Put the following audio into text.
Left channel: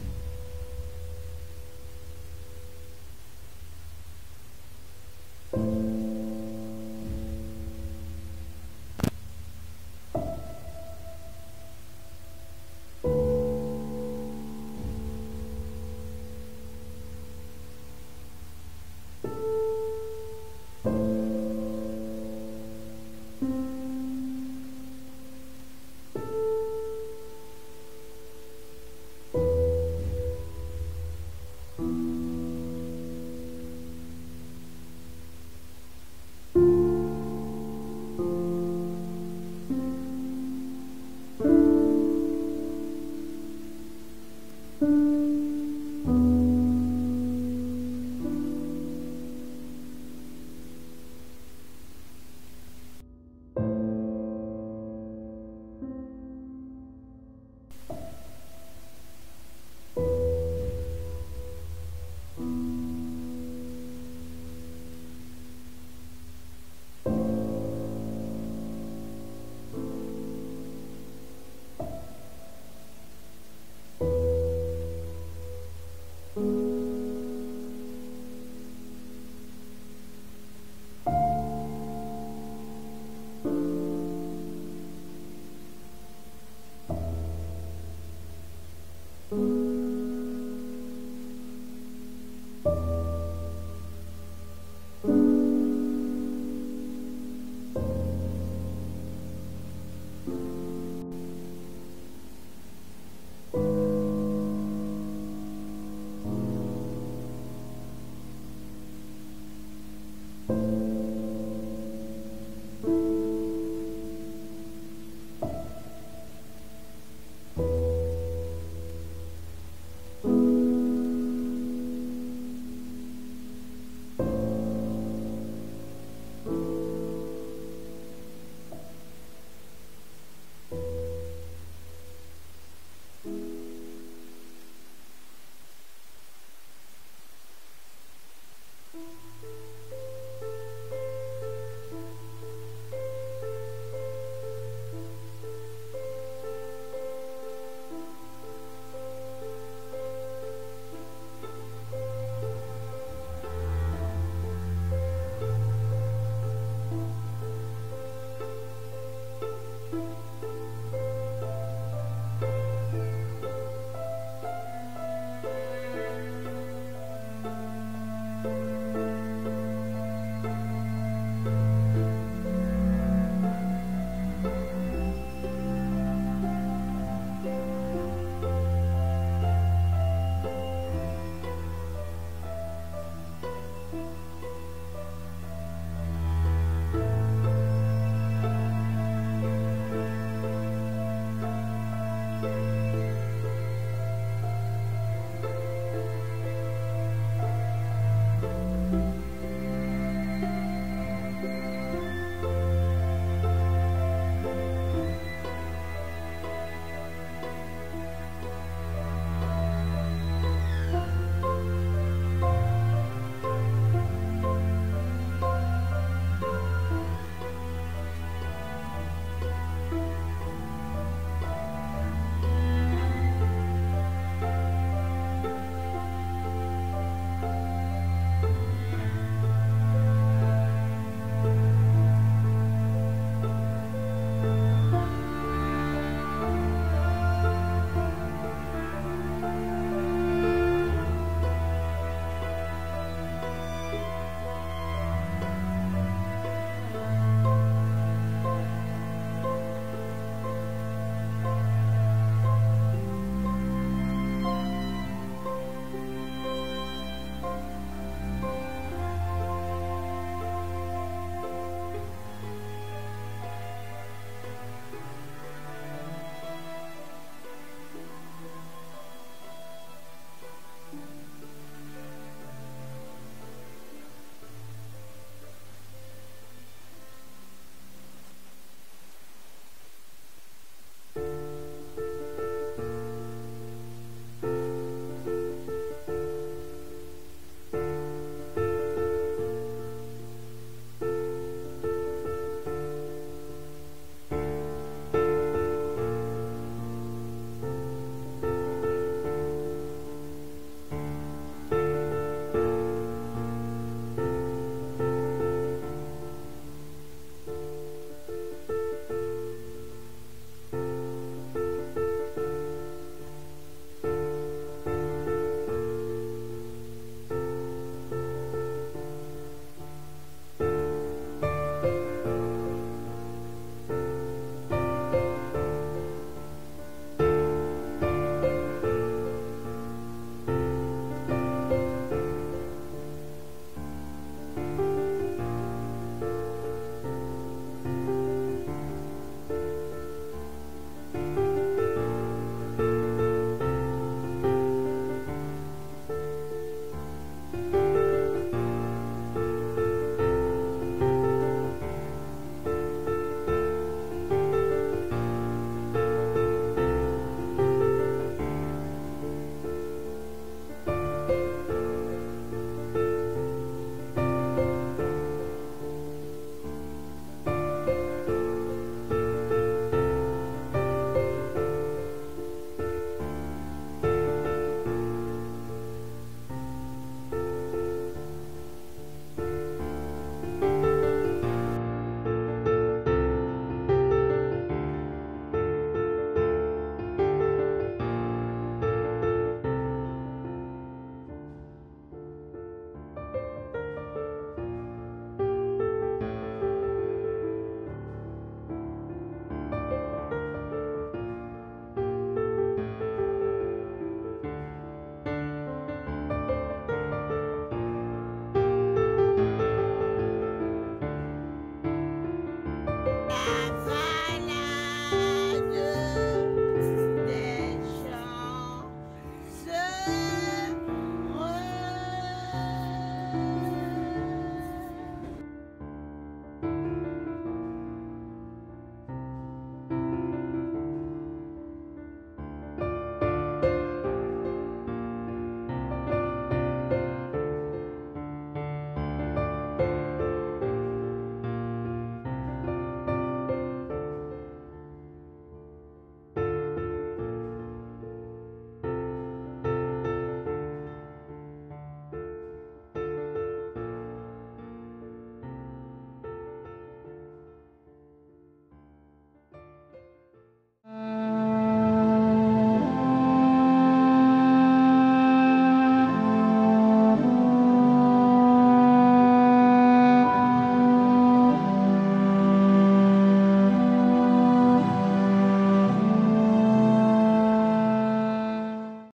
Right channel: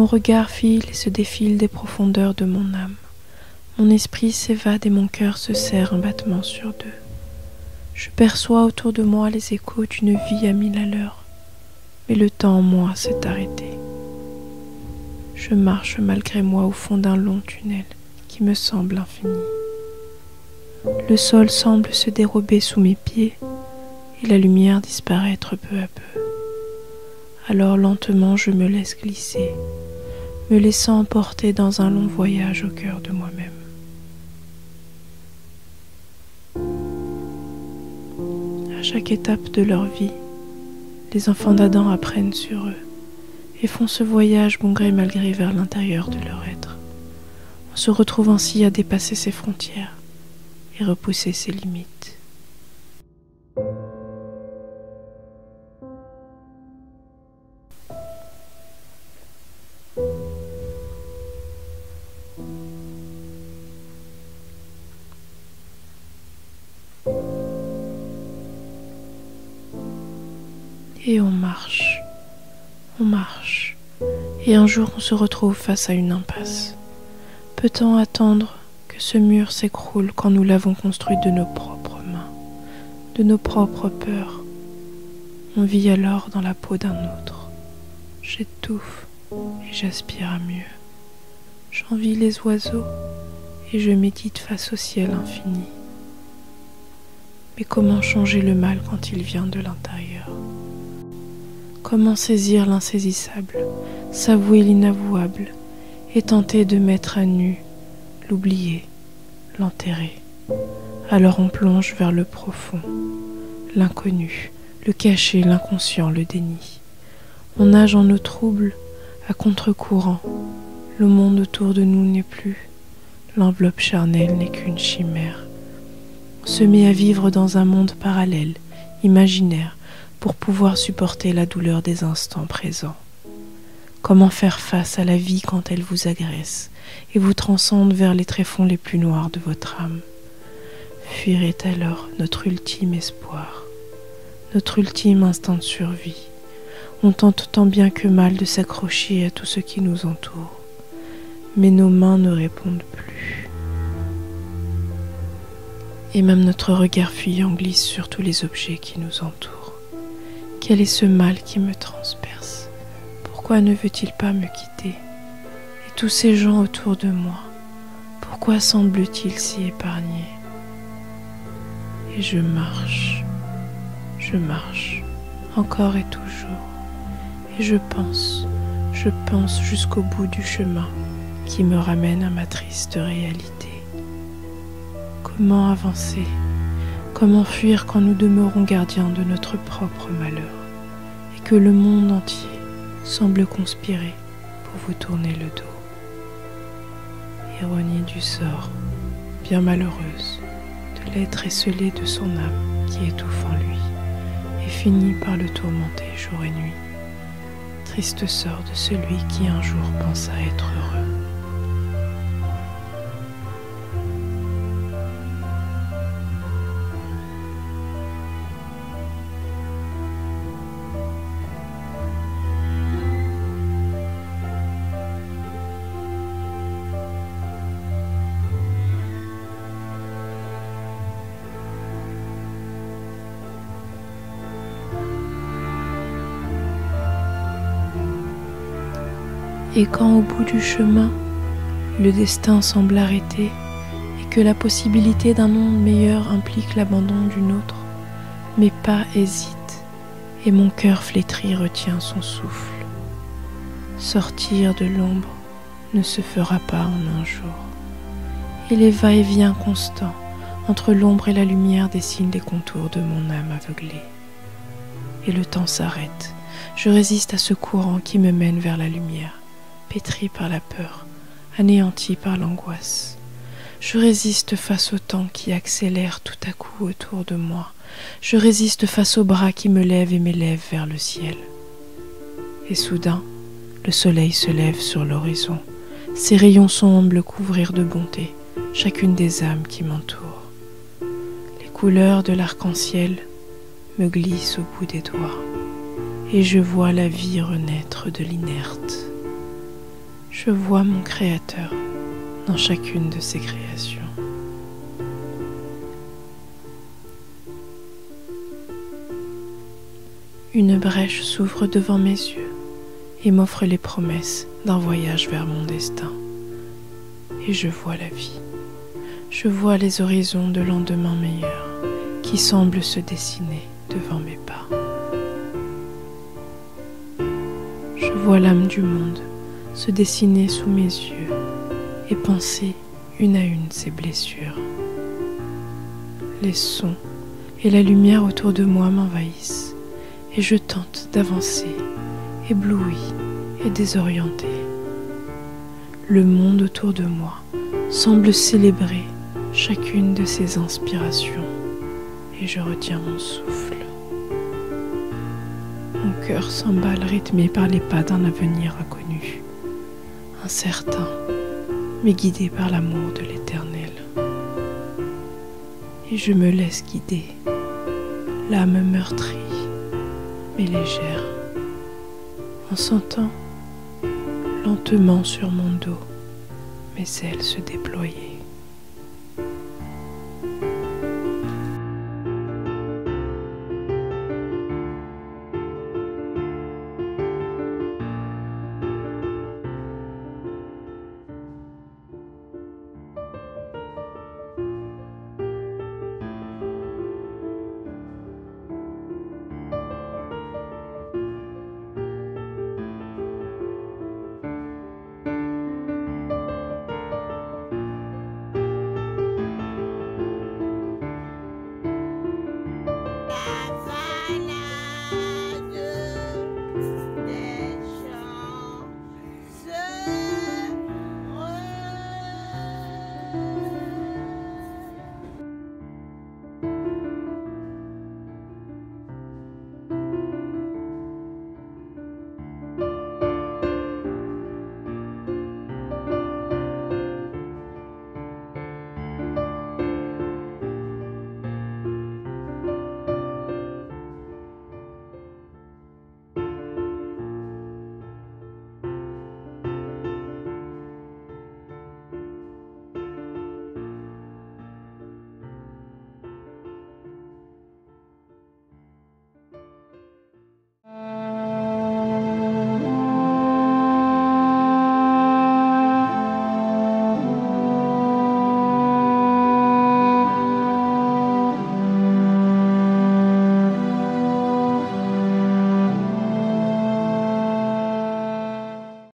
Mon regard file et se défile des profondeurs de mon âme. Mon esprit s'évade et mon cœur se serre un battement sur deux. Je perçois autour de moi les échos d'une vie à 1000 à l'heure, mais le temps en moi s'est arrêté. Je marche malgré moi au fond d'un long tunnel qui me semble infini. Le sol semble se dérober sous mes pieds et la lumière disparaître peu à peu. Alors lentement je me laisse glisser, me laissant emporter dans un long voyage au cœur de moi-même. À chaque étape de leur vie, les enfants d'Adam apprennent sur eux et font ce voyage bon gré mal gré vers l'intérieur de leur être. On se retrouve ainsi à dépasser ses frontières et repousser ses limites. Et on marche, et un jour on se retrouve face à une impasse. Peut-on attendre que ce mur s'écroule quand nous l'avons construit de nos propres mains, de nos propres peurs? On vit alors dans la peau d'un autre. J'étouffe et j'aspire à mieux. J'envie les oiseaux et je médite face au ciel infini. Mais comment changer le mal quand il vient de l'intérieur? Comment saisir l'insaisissable, s'avouer l'inavouable et tenter de mettre à nu, l'oublier, l'enterrer? Alors on plonge vers le profond, l'inconnu, le caché, l'inconscient, le déni. On nage en eau trouble, à contre-courant. Le monde autour de nous n'est plus, l'enveloppe charnelle n'est qu'une chimère. On se met à vivre dans un monde parallèle, imaginaire, pour pouvoir supporter la douleur des instants présents. Comment faire face à la vie quand elle vous agresse et vous transcende vers les tréfonds les plus noirs de votre âme? Fuir est alors notre ultime espoir, notre ultime instinct de survie. On tente tant bien que mal de s'accrocher à tout ce qui nous entoure, mais nos mains ne répondent plus. Et même notre regard fuyant glisse sur tous les objets qui nous entourent. Quel est ce mal qui me transperce? Pourquoi ne veut-il pas me quitter? Et tous ces gens autour de moi, pourquoi semblent-ils si épargnés? Et je marche, encore et toujours. Et je pense jusqu'au bout du chemin qui me ramène à ma triste réalité. Comment avancer? Comment fuir quand nous demeurons gardiens de notre propre malheur et que le monde entier semble conspirer pour vous tourner le dos? Ironie du sort, bien malheureuse, de l'être esselé de son âme qui étouffe en lui et finit par le tourmenter jour et nuit. Triste sort de celui qui un jour pensa être heureux. Et quand au bout du chemin, le destin semble arrêté et que la possibilité d'un monde meilleur implique l'abandon d'une autre, mes pas hésitent et mon cœur flétri retient son souffle. Sortir de l'ombre ne se fera pas en un jour. Et les va-et-vient constants entre l'ombre et la lumière dessinent les contours de mon âme aveuglée. Et le temps s'arrête. Je résiste à ce courant qui me mène vers la lumière. Pétri par la peur, anéanti par l'angoisse. Je résiste face au temps qui accélère tout à coup autour de moi. Je résiste face aux bras qui me lèvent et m'élèvent vers le ciel. Et soudain, le soleil se lève sur l'horizon. Ses rayons semblent couvrir de bonté chacune des âmes qui m'entourent. Les couleurs de l'arc-en-ciel me glissent au bout des doigts et je vois la vie renaître de l'inerte. Je vois mon Créateur dans chacune de ses créations. Une brèche s'ouvre devant mes yeux et m'offre les promesses d'un voyage vers mon destin. Et je vois la vie. Je vois les horizons de lendemains meilleurs qui semblent se dessiner devant mes pas. Je vois l'âme du monde se dessiner sous mes yeux et penser une à une ses blessures. Les sons et la lumière autour de moi m'envahissent et je tente d'avancer, ébloui et désorienté. Le monde autour de moi semble célébrer chacune de ses inspirations et je retiens mon souffle. Mon cœur s'emballe rythmé par les pas d'un avenir inconnu, incertain, mais guidé par l'amour de l'Éternel. Et je me laisse guider, l'âme meurtrie mais légère, en sentant lentement sur mon dos mes ailes se déployer.